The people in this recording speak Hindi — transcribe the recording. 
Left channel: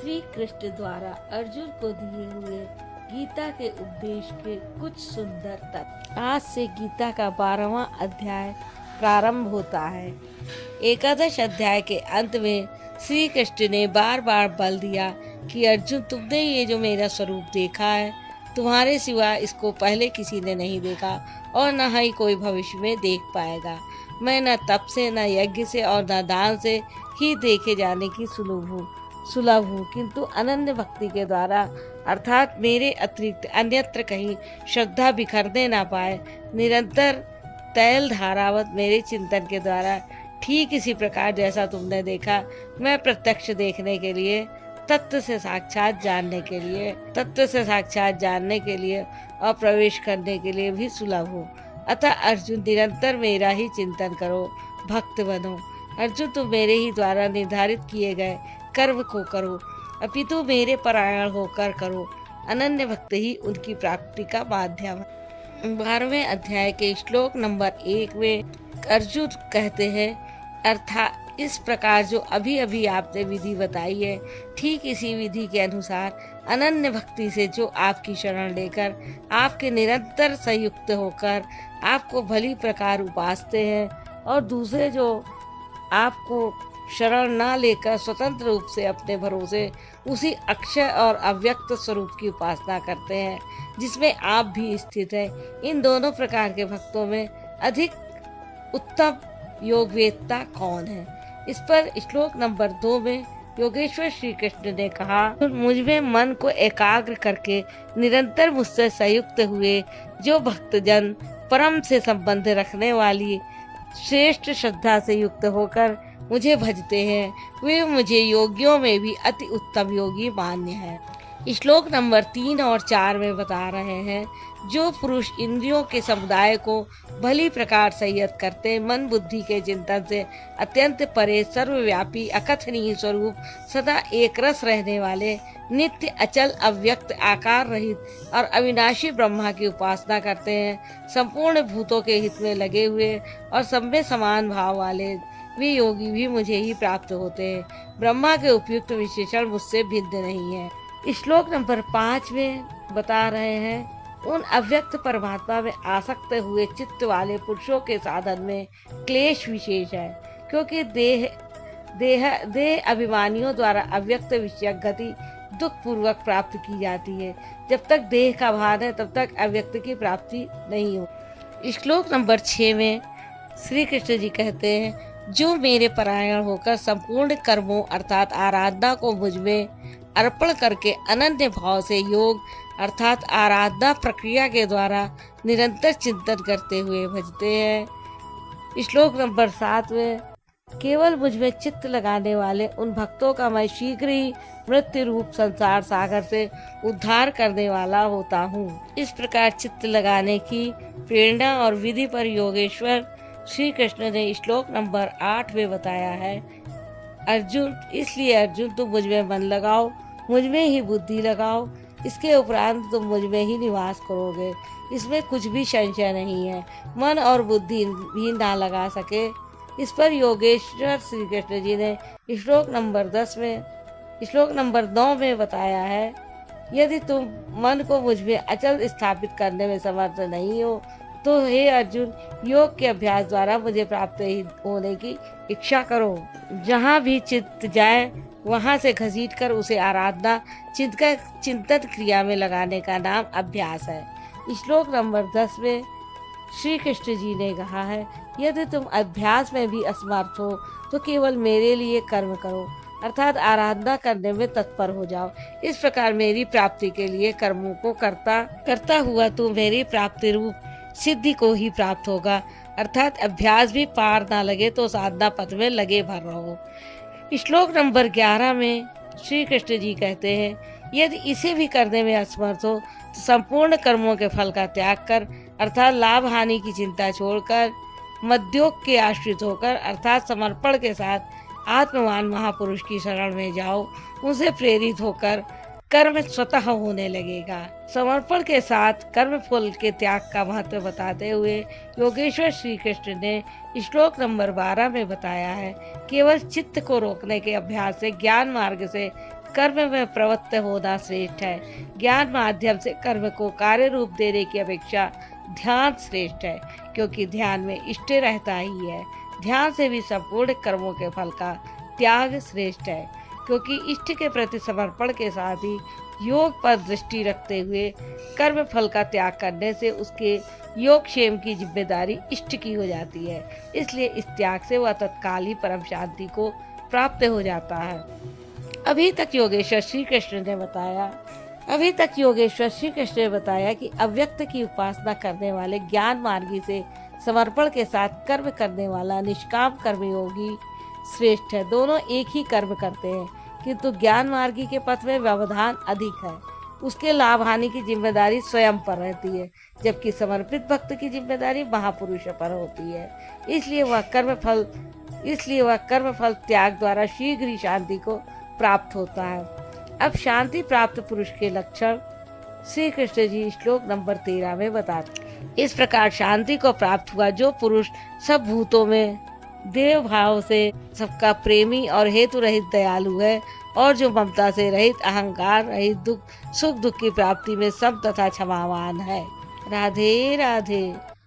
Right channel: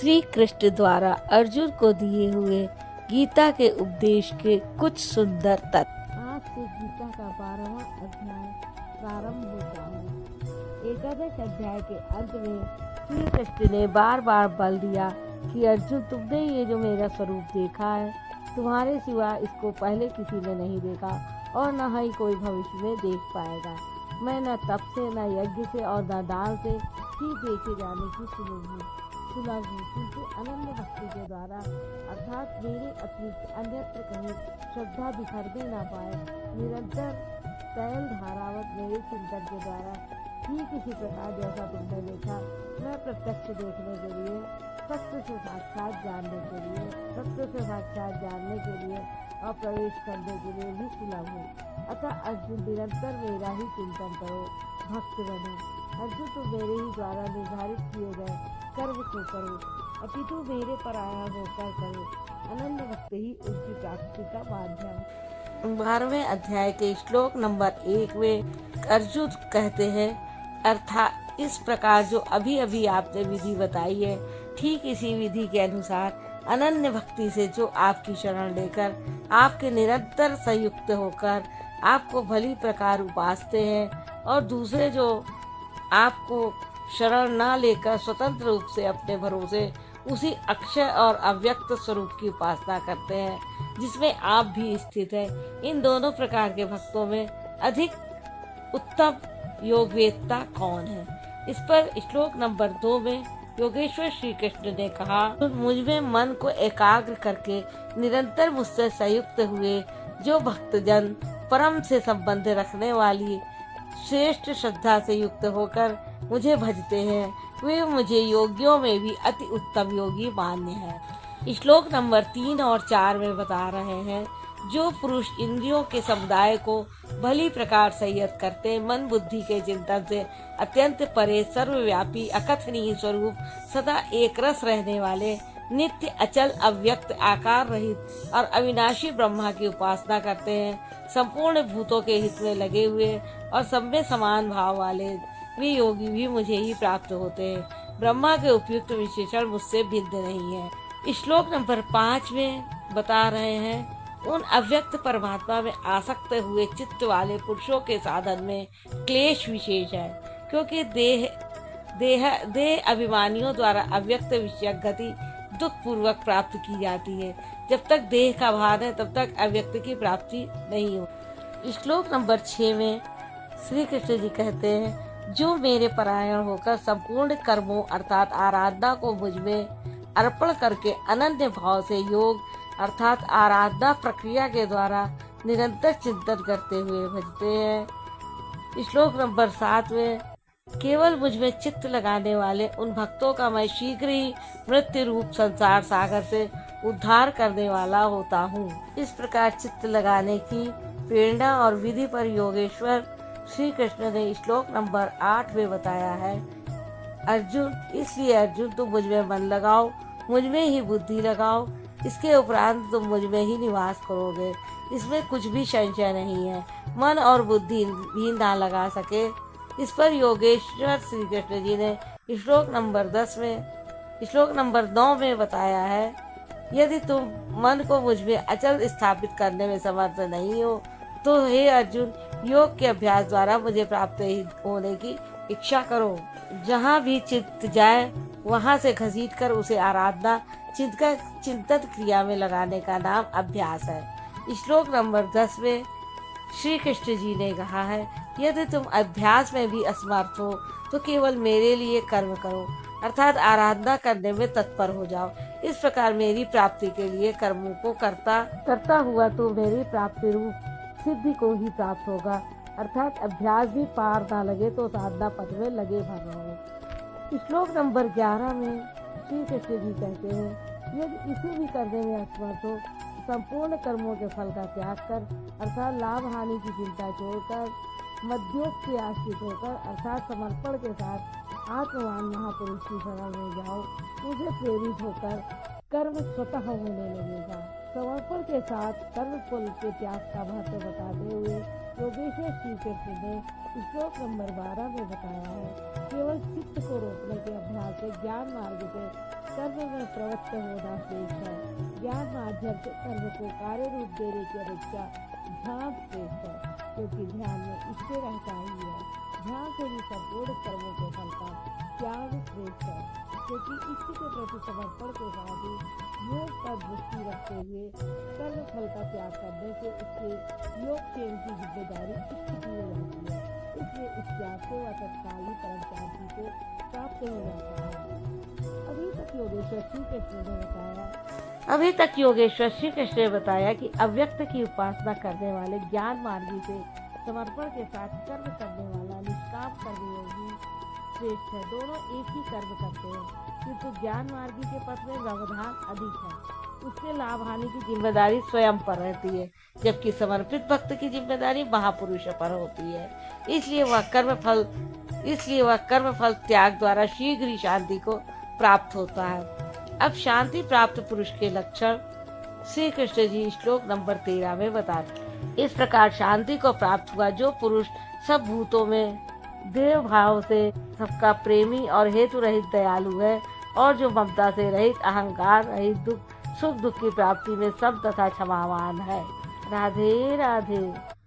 श्री कृष्ण द्वारा अर्जुन को दिए हुए गीता के उपदेश के कुछ सुंदर तत्व। आज से गीता का 12वां अध्याय प्रारंभ होता है। एकादश अध्याय के अंत में श्री कृष्ण ने बार बार बल दिया कि अर्जुन, तुमने ये जो मेरा स्वरूप देखा है, तुम्हारे सिवा इसको पहले किसी ने नहीं देखा और न ही कोई भविष्य में देख पाएगा। मैं न तप से, न यज्ञ से और न दान से ही देखे जाने की सुलभ हूँ, किंतु अनन्य भक्ति के द्वारा अर्थात मेरे अतिरिक्त अन्यत्र कहीं श्रद्धा बिखरने न पाए, निरंतर तैल धारावत मेरे चिंतन के द्वारा ठीक इसी प्रकार जैसा तुमने देखा, मैं प्रत्यक्ष देखने के लिए, तत्व से साक्षात जानने के लिए और प्रवेश करने के लिए भी सुलभ हूँ। अतः अर्जुन, निरंतर मेरा ही चिंतन करो, भक्त बनो। अर्जुन, तुम मेरे ही द्वारा निर्धारित किए गए कर्म को करो, अपितु मेरे परायण होकर करो। अनन्य भक्त ही उनकी प्राप्ति का माध्यम है। 12वें अध्याय के श्लोक नंबर 1 में अर्जुन कहते हैं, अर्थात इस प्रकार जो अभी अभी आपने विधि बताई है, ठीक इसी विधि के अनुसार अनन्य भक्ति से जो आपकी शरण लेकर आपके निरंतर संयुक्त होकर आपको भली प्रकार उपासते हैं, और दूसरे जो आपको शरण न लेकर स्वतंत्र रूप से अपने भरोसे उसी अक्षय और अव्यक्त स्वरूप की उपासना करते हैं जिसमें आप भी स्थित हैं, इन दोनों प्रकार के भक्तों में अधिक उत्तम योगवेत्ता कौन है? इस पर श्लोक नंबर 2 में योगेश्वर श्री कृष्ण ने कहा, मुझ में मन को एकाग्र करके निरंतर मुझसे संयुक्त हुए जो भक्तजन परम से संबंध रखने वाली श्रेष्ठ श्रद्धा से युक्त होकर मुझे भजते हैं, वे मुझे योगियों में भी अति उत्तम योगी मान्य है। श्लोक नंबर 3 और 4 में बता रहे हैं, जो पुरुष इंद्रियों के समुदाय को भली प्रकार संयत करते, मन बुद्धि के चिंतन से अत्यंत परे, सर्वव्यापी अकथनीय स्वरूप सदा एक रस रहने वाले, नित्य अचल अव्यक्त आकार रहित और अविनाशी ब्रह्मा की उपासना करते हैं, संपूर्ण भूतों के हित में लगे हुए और सब में समान भाव वाले, वे योगी भी मुझे ही प्राप्त होते हैं। ब्रह्मा के उपयुक्त विशेषण मुझसे भिन्न नहीं है। श्लोक नंबर 5 में बता रहे हैं, उन अव्यक्त परमात्मा में आसक्त हुए चित्त वाले पुरुषों के साधन में क्लेश विशेष है, क्योंकि देह अभिमानियों द्वारा अव्यक्त विषय गति दुख पूर्वक प्राप्त की जाती है। जब तक देह का भान है तब तक अव्यक्त की प्राप्ति नहीं हो। श्लोक नंबर 6 में श्री कृष्ण जी कहते हैं, जो मेरे परायण होकर संपूर्ण कर्मों अर्थात आराधना को मुझ में अर्पण करके अनन्य भाव से योग अर्थात आराधना प्रक्रिया के द्वारा निरंतर चिंतन करते हुए भजते हैं। श्लोक नंबर 7 में केवल मुझ में चित्त लगाने वाले उन भक्तों का मैं शीघ्र ही मृत्यु रूप संसार सागर से उद्धार करने वाला होता हूँ। इस प्रकार चित्त लगाने की प्रेरणा और विधि पर योगेश्वर श्री कृष्ण ने श्लोक नंबर 8 में बताया है, अर्जुन, इसलिए अर्जुन, तुम मुझ में मन लगाओ, मुझ में ही बुद्धि लगाओ, इसके उपरांत तुम मुझ में ही निवास करोगे, इसमें कुछ भी संशय नहीं है। मन और बुद्धि भी ना लगा सके। इस पर योगेश्वर श्री कृष्ण जी ने श्लोक नंबर 9 में बताया है, यदि तुम मन को मुझ में अचल स्थापित करने में समर्थ नहीं हो, तो हे अर्जुन, योग के अभ्यास द्वारा मुझे प्राप्त होने की इच्छा करो। जहाँ भी चित्त जाए वहाँ से घसीट कर उसे आराधना चिंतन क्रिया में लगाने का नाम अभ्यास है। श्लोक नंबर 10 में श्री कृष्ण जी ने कहा है, यदि तुम अभ्यास में भी असमर्थ हो तो केवल मेरे लिए कर्म करो, अर्थात आराधना करने में तत्पर हो जाओ। इस प्रकार मेरी प्राप्ति के लिए कर्मों को करता हुआ तू मेरी प्राप्ति रूप सिद्धि को ही प्राप्त होगा, अर्थात अभ्यास भी पार ना लगे तो साधना पथ में लगे भर रहो। श्लोक नंबर 11 में श्री कृष्ण जी कहते हैं, यदि इसे भी करने में असमर्थ हो तो संपूर्ण कर्मों के फल का त्याग कर, अर्थात लाभ हानि की चिंता छोड़कर मध्योग के आश्रित होकर अर्थात समर्पण के साथ आत्मवान महापुरुष की शरण में जाओ। उनसे प्रेरित होकर कर्म स्वतः होने लगेगा। समर्पण के साथ कर्म फल के त्याग का महत्व बताते हुए योगेश्वर श्री कृष्ण ने श्लोक नंबर 12 में बताया है, केवल चित्त को रोकने के अभ्यास से ज्ञान मार्ग से कर्म में प्रवृत्त होना श्रेष्ठ है। ज्ञान माध्यम से कर्म को कार्य रूप देने की अपेक्षा ध्यान श्रेष्ठ है, क्योंकि ध्यान में इष्ट रहता ही है। ध्यान से भी संपूर्ण कर्मों के फल का त्याग श्रेष्ठ है, क्योंकि इष्ट के प्रति समर्पण के साथ ही योग पर दृष्टि रखते हुए कर्म फल का त्याग करने से उसके योगक्षेम की जिम्मेदारी इष्ट की हो जाती है। इसलिए इस त्याग से वह तत्काल ही परम शांति को प्राप्त हो जाता है। अभी तक योगेश्वर श्री कृष्ण ने बताया कि अव्यक्त की उपासना करने वाले ज्ञान मार्गी से समर्पण के साथ कर्म करने वाला निष्काम कर्मयोगी श्रेष्ठ है। दोनों एक ही कर्म करते हैं, किंतु ज्ञान मार्गी के पथ में व्यवधान अधिक है। उसके लाभ हानि की जिम्मेदारी स्वयं पर रहती है, जबकि समर्पित भक्त की जिम्मेदारी महापुरुषों पर होती है। इसलिए वह कर्म फल त्याग द्वारा शीघ्र ही शांति को प्राप्त होता है। अब शांति प्राप्त पुरुष के लक्षण श्री कृष्ण जी श्लोक नंबर 13 में बताते। इस प्रकार शांति को प्राप्त हुआ जो पुरुष सब भूतों में देव भाव से सबका प्रेमी और हेतु रहित दयालु है, और जो ममता से रहित, अहंकार रहित, सुख दुख की प्राप्ति में सब तथा क्षमावान है। राधे राधे।